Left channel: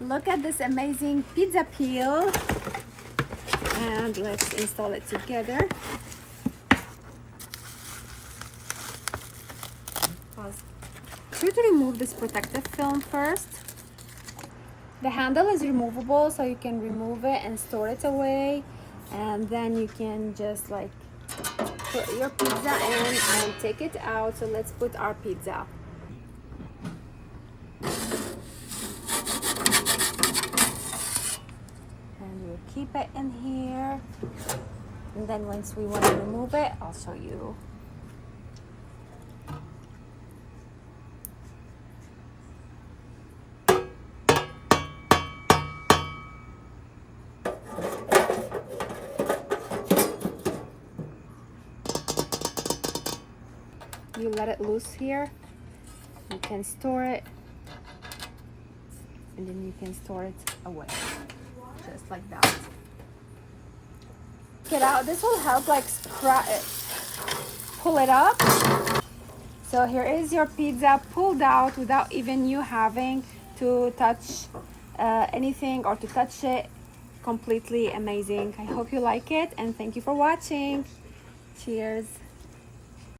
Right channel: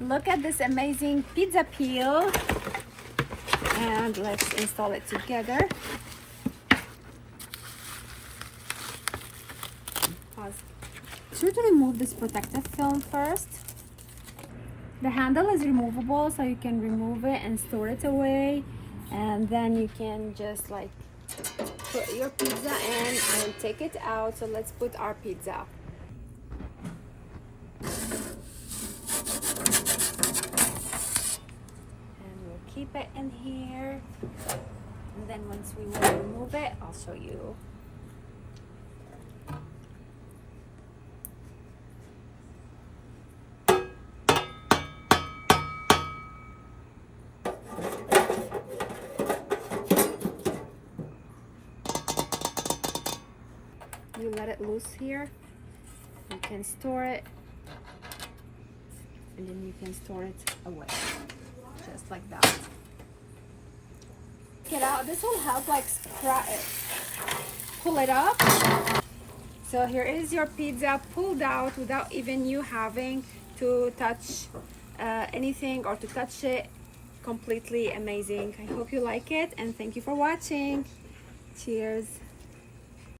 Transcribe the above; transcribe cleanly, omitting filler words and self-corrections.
Look at this amazing pizza peel. And let's install it together. Pause. Try to remove this protective film first. The handle is removable, so you can remove it and store it away, and then you can just like put your pizza in and take it out. So let's put our pizza. And we'll keep it in here, and then once we want to remove it, I'll show you. You let it loose here, you can store it, and then you can store it away, just like that. Get out. This will help like pull it up. So here is your pizza pulled out without even you having to touch anything or to touch it. Completely amazing. I hope you like it, and thank you for watching. Cheers.